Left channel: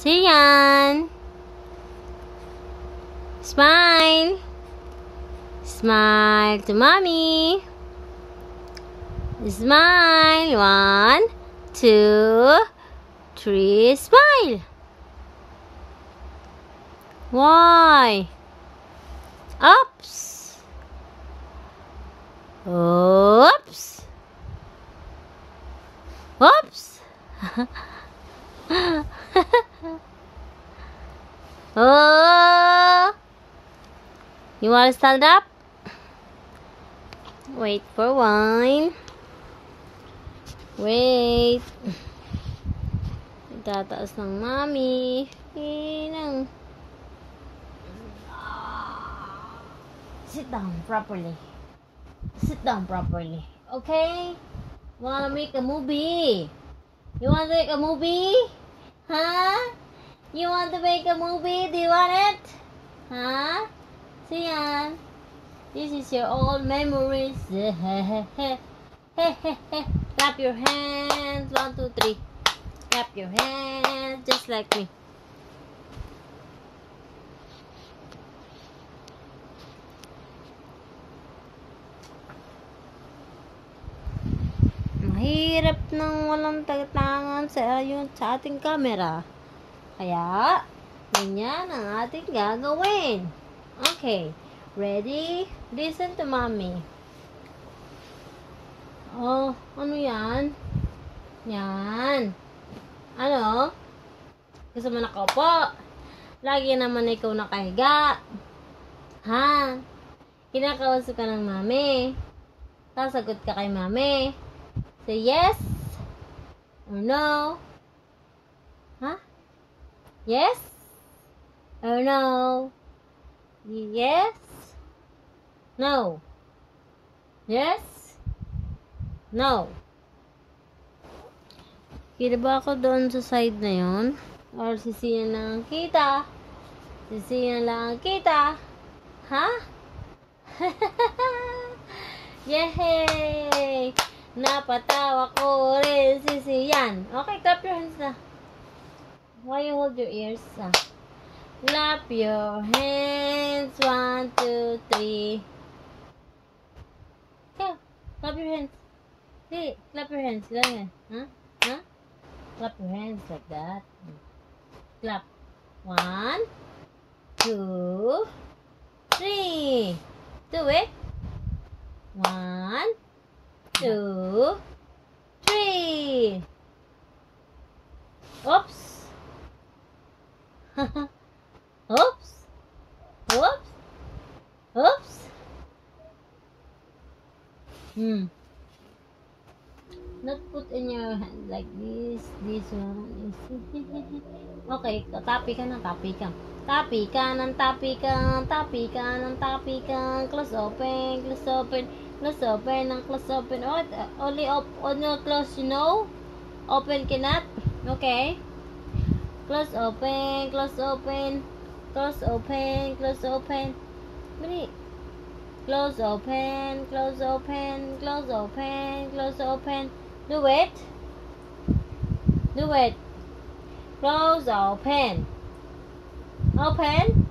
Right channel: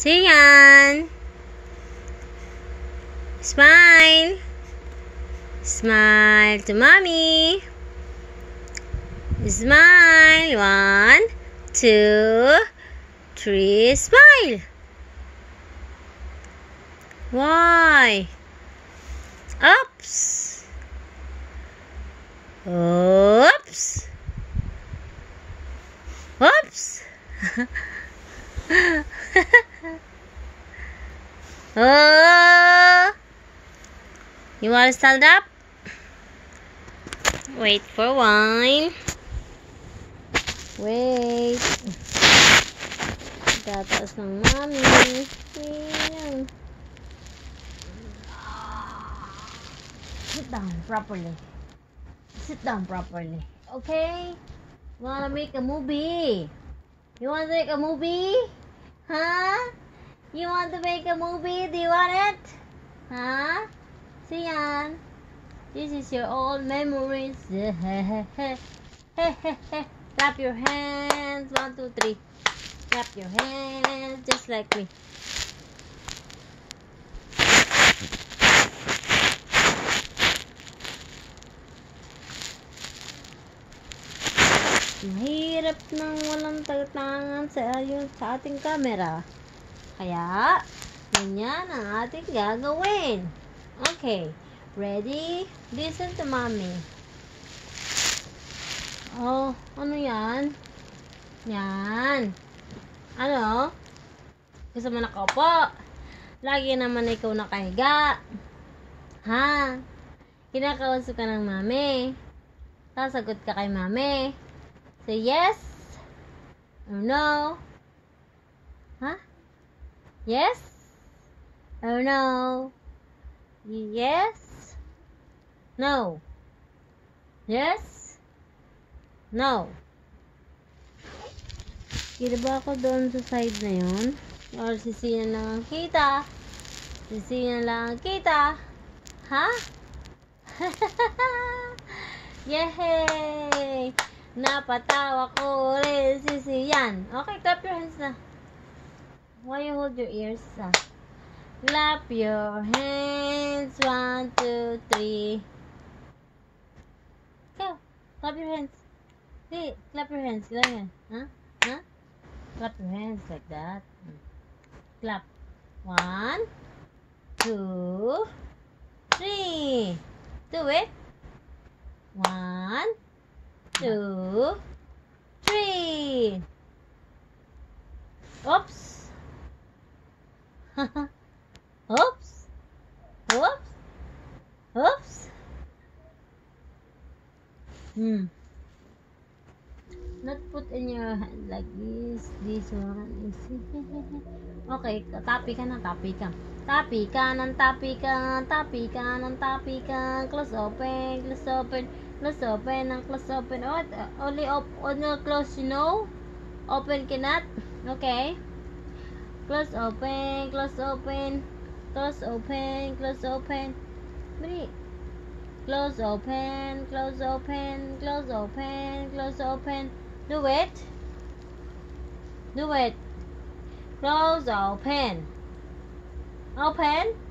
Sian. Smile. Smile to mommy. Smile. 1, 2, 3. Smile. Why? Oops. Oops. Oops. Oh. You want to stand up? Wait for one. Wait. Tataas ng mami. Lang. Sit down properly. Sit down properly. Okay? Wanna make a movie? You want to make a movie? Huh? You want to make a movie? Do you want it? Huh? Sian. This is your old memories. Clap your hands. 1, 2, 3. Clap your hands just like me. Mahirap nang walang tagatangan sa ating camera. Kaya, ganyan ang ating gagawin. Okay. Ready? Listen to mommy. Oh, ano yan? Yan. Ano? Gusto mo nakaupo? Lagi naman ikaw nakahiga. Ha? Kinakausap ka ng mami. Sasagot ka kay mami. Say yes or no. Huh? Yes or no? Yes. No. Yes. No. Kita ba ako doon sa side na yun? Or sisiyan lang kita? Sisiyan lang kita? Ha? Yay! Napatawa ko rin sisiyan. Okay, clap your hands na. Why you hold your ears? Clap your hands. 1, 2, 3. Go. Clap your hands. Hey, clap your hands. Clap your hands. Huh? Huh? Clap your hands like that. Clap. 1, 2, 3. Do it. 1, 2, 3. Oops. Oops. Oops. Oops. Not put in your hand like this. This one is okay, tapi ka ng tapi ka. Tapi ka ng tapi ka. Tapi ka ng tapi ka. Close open. Close open. Close open and close open. Oh, only on your close, you know? Open cannot. Okay. Close open. Close open. Close open. Close open. Dali. Close open. Close open. Close open. Close open. Do it. Do it. Close open. Open.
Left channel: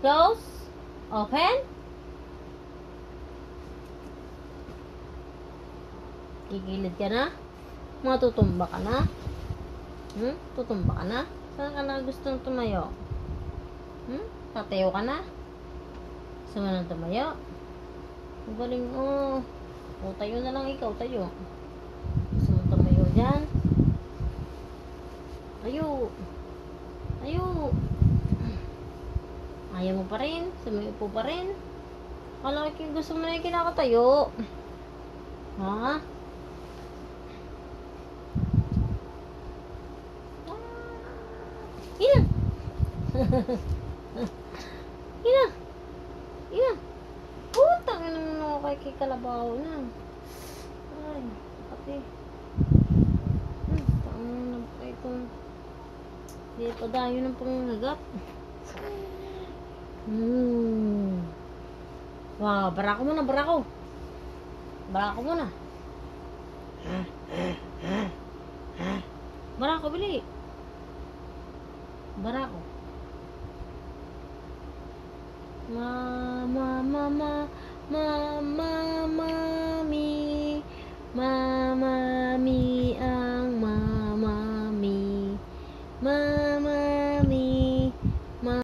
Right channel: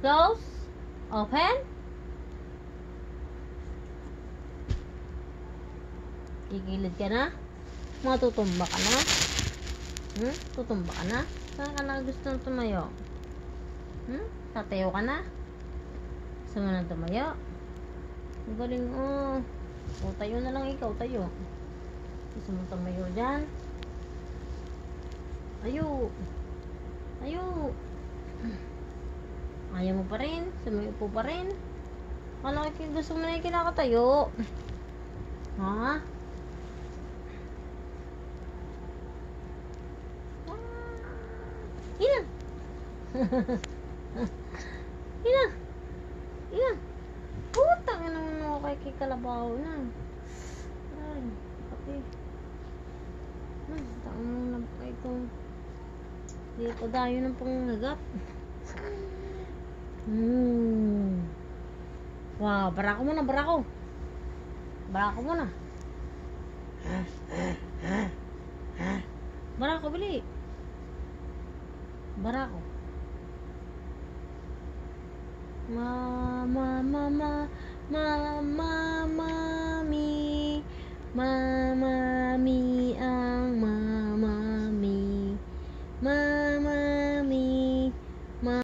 Close. Open. Gigilid ka na? Matutumba ka na? Tutumba ka na? Saan ka na gustong tumayo? Tatayo ka na? Gusto mo nang tumayo? Ang galing, oh. O, tayo na lang ikaw, tayo. Gusto mo tumayo dyan? Tayo. Tayo. Ayaw mo pa rin? Sumiupo pa rin? Kala ko gusto mo na yung kinakatayo. Ha? Ina. Ina. Ina. Putang ina mo kay kalabaw na. Ay, pati. Tang na pa ito. Hindi pa dayo ng panghagap. Wah, barako muna, barako. Barako muna. Barako, bili. Bara ko. Ma, ma, ma, ma, ma, ma,